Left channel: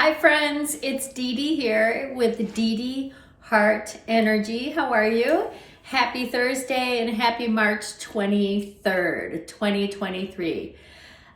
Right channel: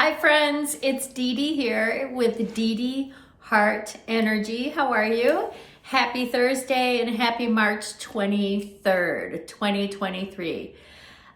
Hi friends, it's Dee Dee here with Dedehartenergy. How are you? Happy Thursday and happy March 23rd, 2023.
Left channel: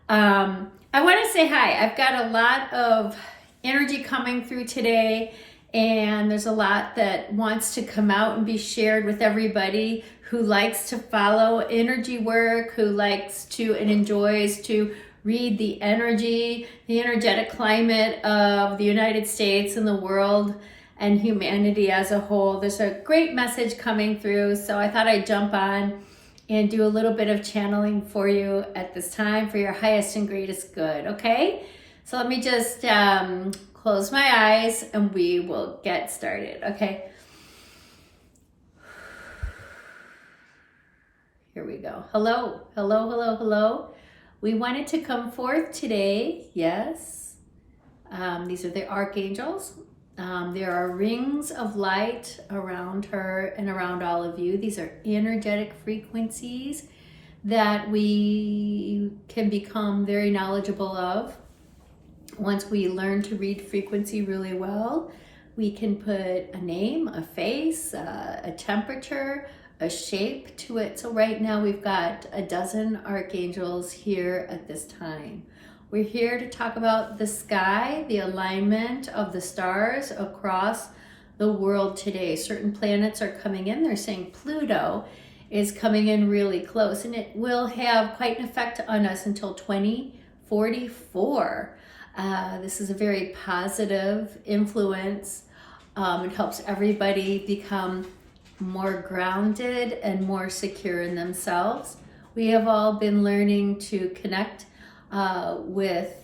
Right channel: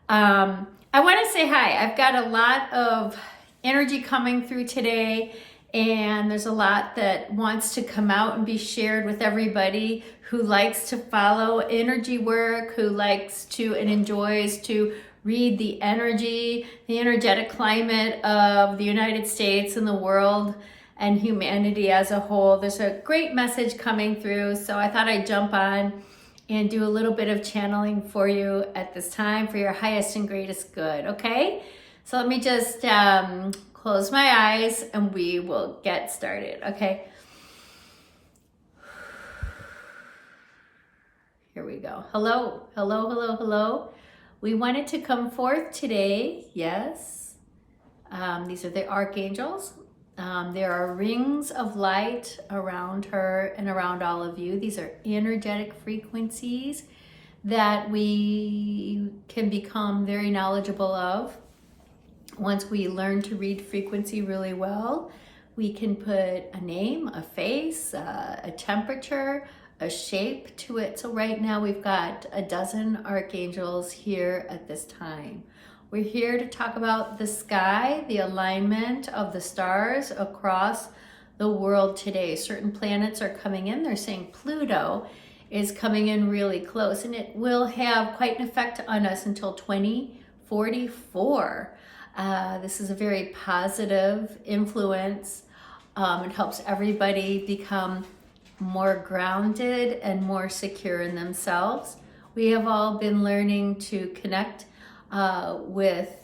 I want to say hi. I've got a lot of energy coming through today, and there's a lot that wants to come out and be shared with everybody who likes to follow energy work, who likes to and enjoys to read the energetic climate of the United States and the world and humanity as a whole. There's a great message coming through, so I thought I'd jump on and do a little bit of channeling for you at this time for your highest and greatest good, okay? So let me just close my eyes and we will get started, okay? Here we go. Hello, hello, hello, hello. We wanted to come forth today, yes. These are the archangels. There are rings of light around her and around all of you. These are energetic frequencies that we can become very knowledgeable of. Once we learn to read frequency really well, we can put a name, a face, a temperature, a shape to it. So right now we've got a dozen archangels here at this time. We're here to talk about the sky, the alignment of the stars across the world today. Certain planets are coming in. They're saying Pluto is coming in really close, and it will have quite an effect on us until 2044. This is a very positive influence. It helps everybody become more grounded and more secure in themselves. We have all been learning to connect with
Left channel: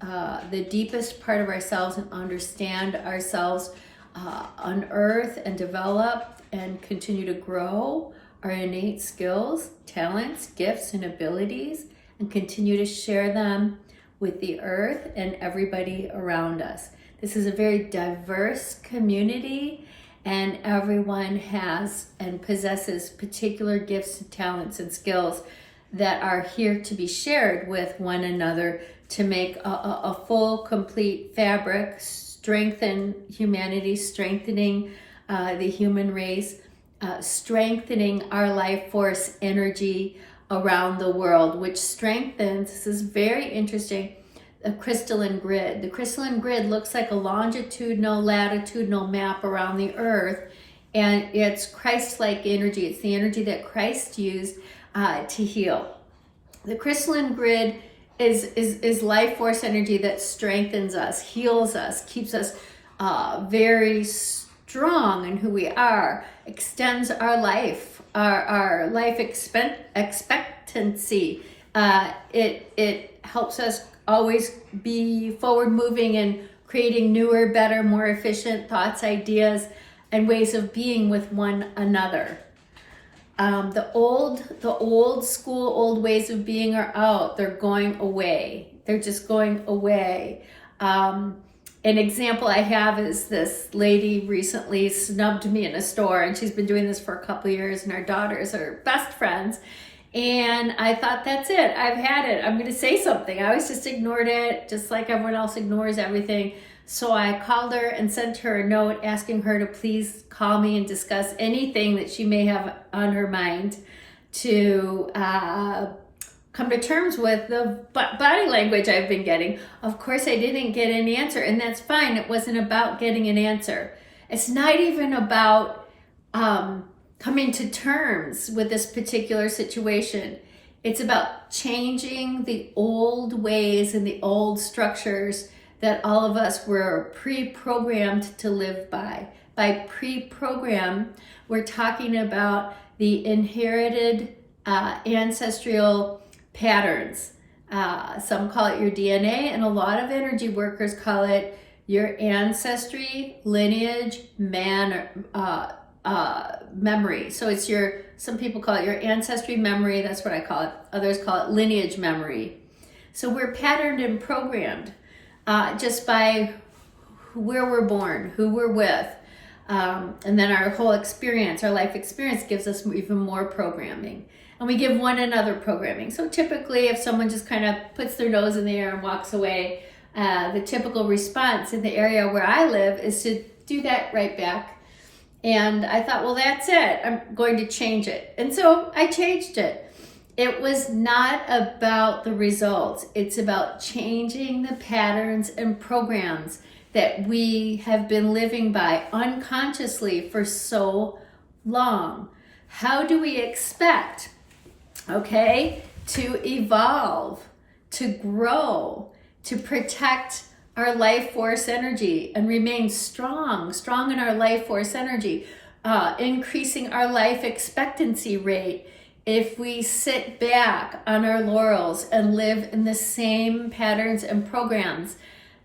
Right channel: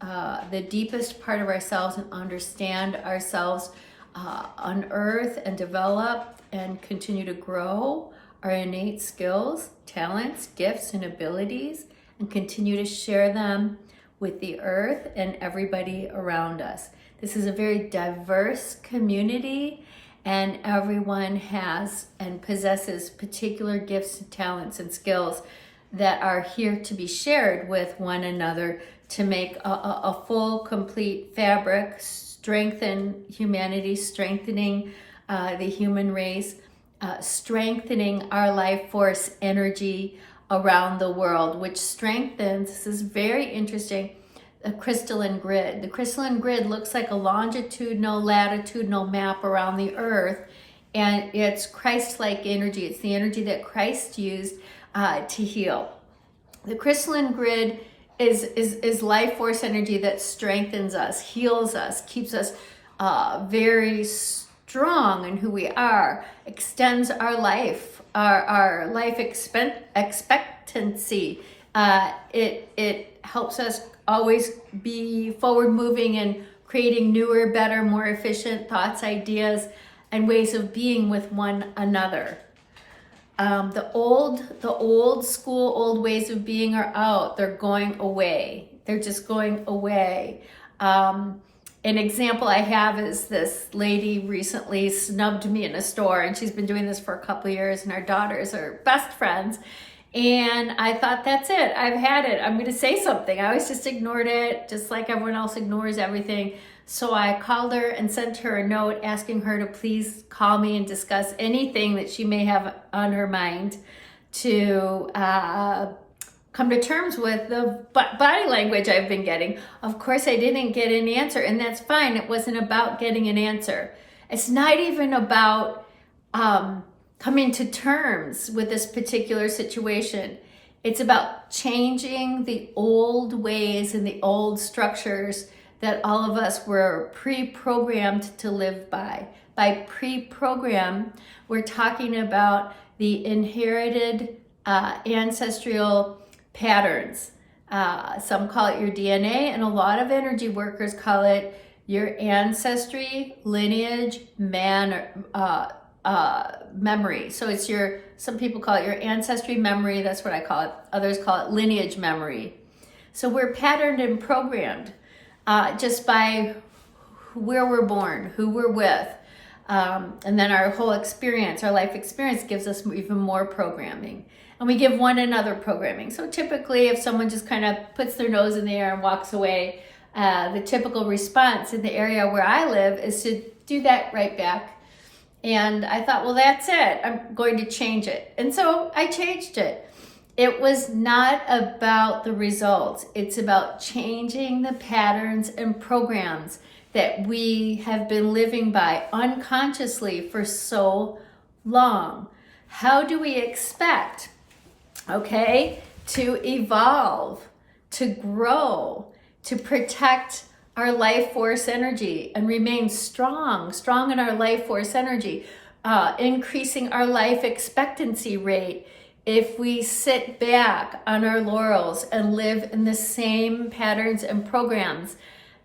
the deepest part of ourselves and understand ourselves, unearth and develop and continue to grow our innate skills, talents, gifts, and abilities, and continue to share them with the earth and everybody around us. This is a very diverse community, and everyone has and possesses particular gifts and talents and skills that are here to be shared with one another to make a full, complete fabric, strengthen humanity, strengthening the human race, strengthening our life force energy around the world, which strengthens, this is very interesting, a crystalline grid. The crystalline grid looks like a longitudinal, latitudinal map around the earth, and it's Christ-like energy. It's the energy that Christ used to heal. The crystalline grid is life force energy that strengthens us, heals us, keeps us very strong in who we are, extends our life, our life expectancy. It helps us always be forward moving and creating newer, better, more efficient thoughts, ideas, and ways of being with one another. The old school, old ways of being are out. They're going away. They're just going away. An example I have is this lady recently snubbed me in a store, and she's been doing this for a couple of years, and our daughters are best friends. And I thought, that's it. I've had it. I'm going to say something. I always just ignored it, just like everyone else ignores everything. So I called her and sent her a note asking her to please call me and discuss anything that she may have on her mind to come to terms with the body language I've been getting. Of course, I didn't get an answer, and that's fine. It wasn't about getting an answer. It's not even about coming to terms with this particular situation. It's about changing the old ways and the old structures that all of us were pre-programmed to live by. By pre-program, we're talking about the inherited ancestral patterns. Some call it your DNA, and a lot of energy workers call it your ancestry, lineage, memory. So it's some people call it your ancestry memory, that's what I call it. Others call it lineage memory. So we're patterned and programmed just by where we're born, who we're with. And then our whole experience, our life experience gives us even more programming. And we give one another programming. So typically if someone just kind of puts their nose in the air and walks away, The typical response in the area where I live is to do that right back. And I thought, well, that's it. I'm going to change it. And so I changed it. It was not about the results. It's about changing the patterns and programs that we have been living by unconsciously for so long. How do we expect, okay, to evolve, to grow, to protect our life force energy and remain strong in our life force energy, increasing our life expectancy rate if we sit back on our laurels and live in the same patterns and programs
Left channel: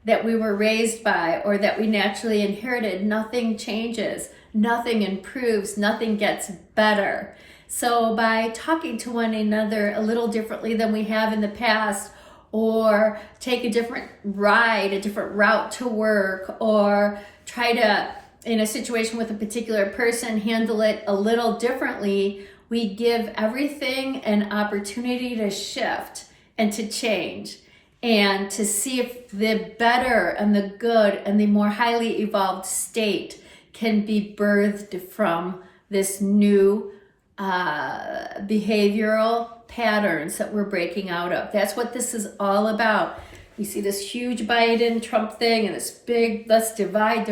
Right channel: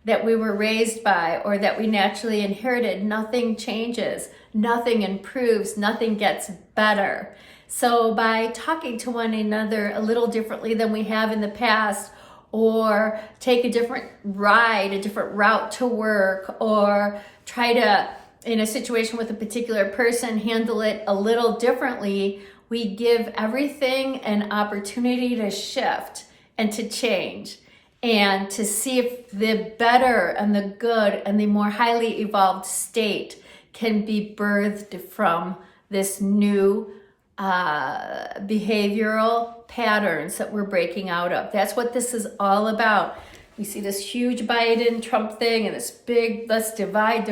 that we were raised by or that we naturally inherited? Nothing changes, nothing improves, nothing gets better. So by talking to one another a little differently than we have in the past, or take a different ride, a different route to work, or try to, in a situation with a particular person, handle it a little differently, we give everything an opportunity to shift and to change and to see if the better and the good and the more highly evolved state can be birthed from this new behavioral patterns that we're breaking out of. That's what this is all about. You see this huge Biden Trump thing and this big, let's divide.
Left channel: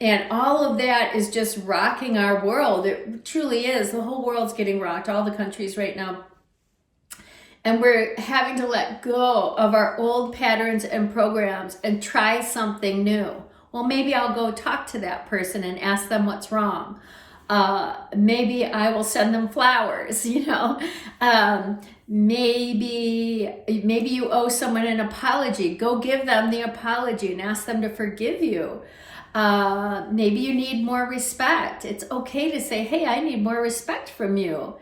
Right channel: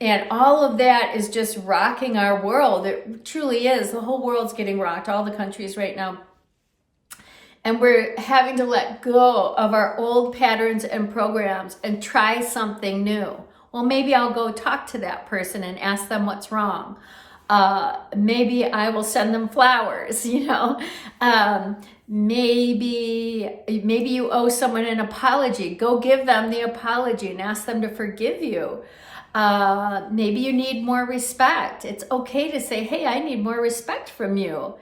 And all of that is just rocking our world. It truly is. The whole world's getting rocked, all the countries right now. And we're having to let go of our old patterns and programs and try something new. Well, maybe I'll go talk to that person and ask them what's wrong. Maybe I will send them flowers, maybe you owe someone an apology. Go give them the apology and ask them to forgive you. Maybe you need more respect. It's okay to say, hey, I need more respect from you.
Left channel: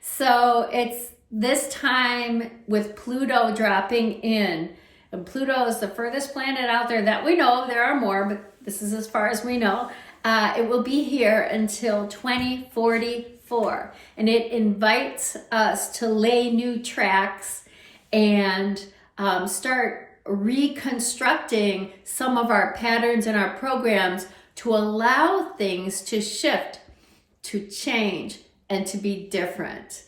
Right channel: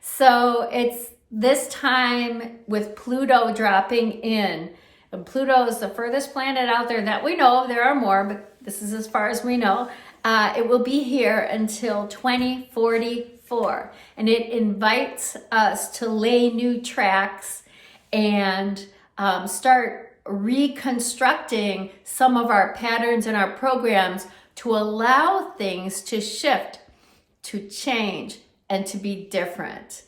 So it's this time with Pluto dropping in. And Pluto is the furthest planet out there that we know of. There are more, but this is as far as we know. It will be here until 2044, and it invites us to lay new tracks and start reconstructing some of our patterns and our programs to allow things to shift, to change, and to be different.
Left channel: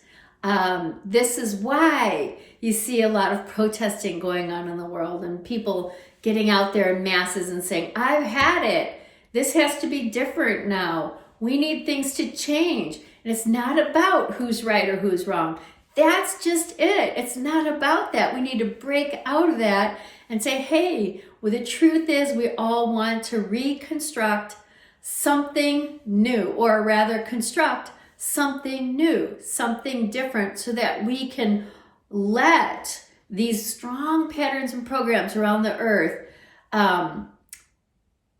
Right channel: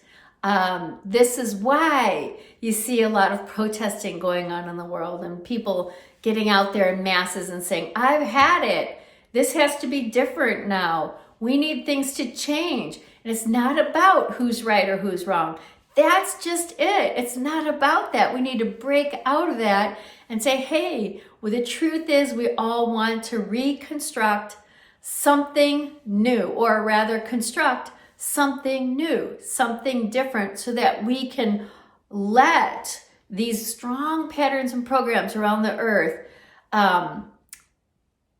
This is why you see a lot of protesting going on in the world and people getting out there in masses and saying, I've had it. This has to be different now. We need things to change. And it's not about who's right or who's wrong. That's just it. It's not about that. We need to break out of that and say, hey, well, the truth is we all want to reconstruct something new, or rather construct something new, something different, so that we can let these strong patterns and programs around the earth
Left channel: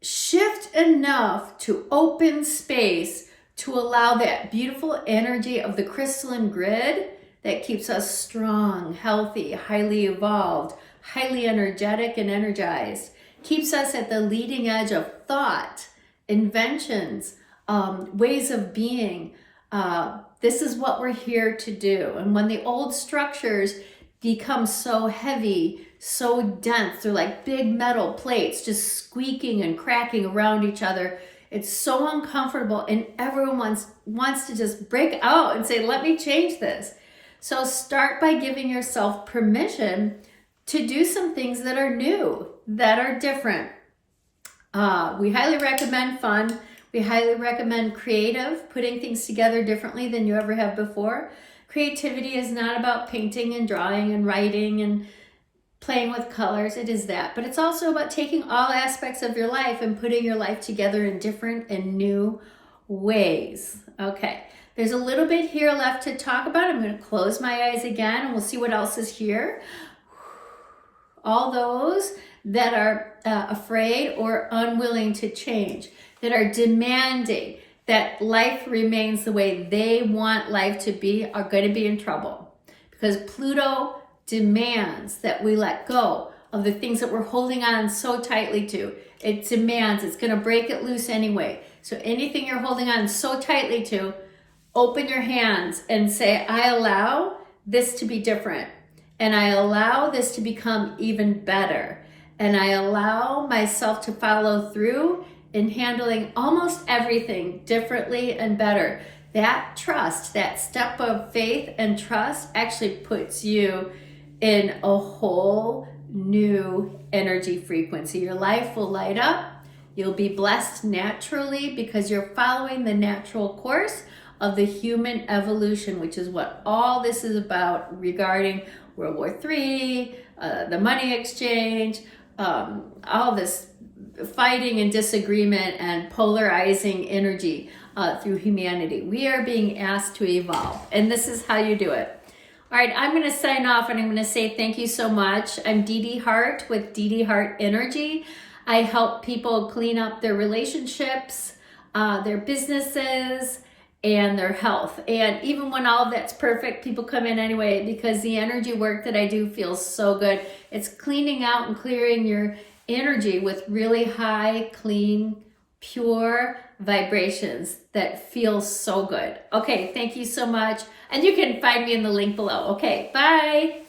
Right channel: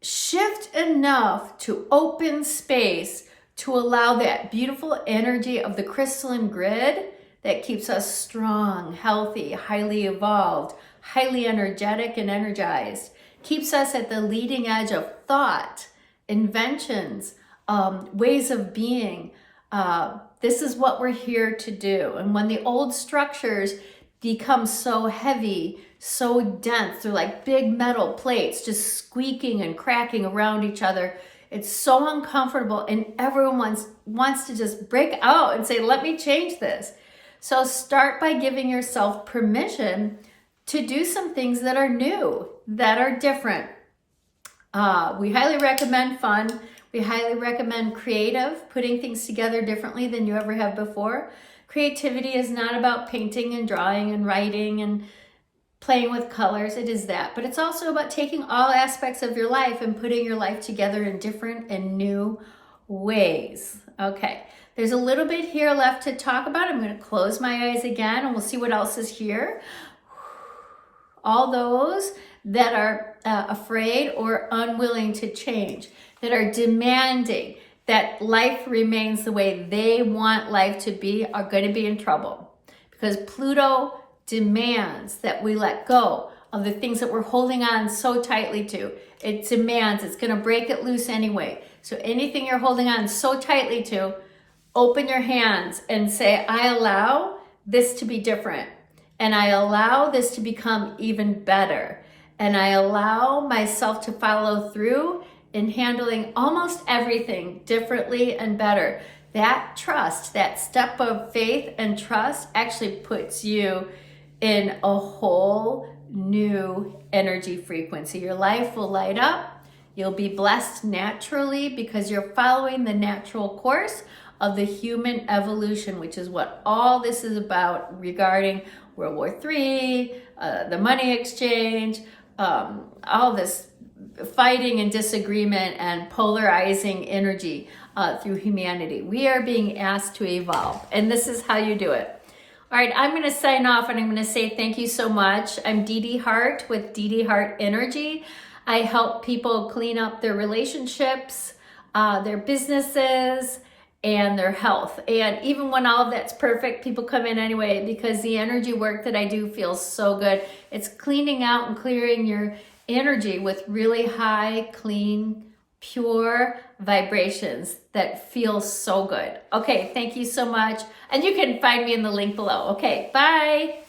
shift enough to open space to allow that beautiful energy of the crystalline grid that keeps us strong, healthy, highly evolved, highly energetic and energized, keeps us at the leading edge of thought, inventions, ways of being. This is what we're here to do. And when the old structures become so heavy, so dense, they're like big metal plates just squeaking and cracking around each other. It's so uncomfortable, and everyone wants to just break out and say, let me change this. So start by giving yourself permission to do some things that are new, that are different. We highly recommend fun. We highly recommend creative, putting things together differently than you ever have before. Creativity is not about painting and drawing and writing and playing with colors. It is that. But it's also about taking all aspects of your life and putting your life together in different and new ways. Okay, there's a little bit here left to talk about. I'm going to close my eyes again and we'll see what else is here. All those that are afraid or unwilling to change, that are demanding that life remains the way they want life to be, are going to be in trouble, because Pluto demands that we let go of the things that we're holding on so tightly to. It demands, it's going to break it loose anyway. So anything you're holding on so tightly to, open your hands and say, I allow this to be different, and I allow this to become even better. and I allow myself to follow through in handling almost everything differently and better. That trust, that step of faith and trust actually puts you in a whole new energy frequency. Your life will light up. You'll be blessed naturally because you're following the natural course of the human evolution, which is what all this is about regarding World War III, the money exchange, all this fighting and disagreement and polarizing energy through humanity. We are being asked to evolve, and this is how you do it. All right, I'm going to sign off, and I'm going to say thank you so much. I'm Dedeheart with Dedehartenergy. I help people clean up their relationships, their businesses, and their health. And even when all of that's perfect, people come in anyway because the energy work that I do feels so good. It's cleaning out and clearing your energy with really high, clean, pure vibrations that feel so good. Okay, thank you so much. And you can find me in the link below. Okay, bye.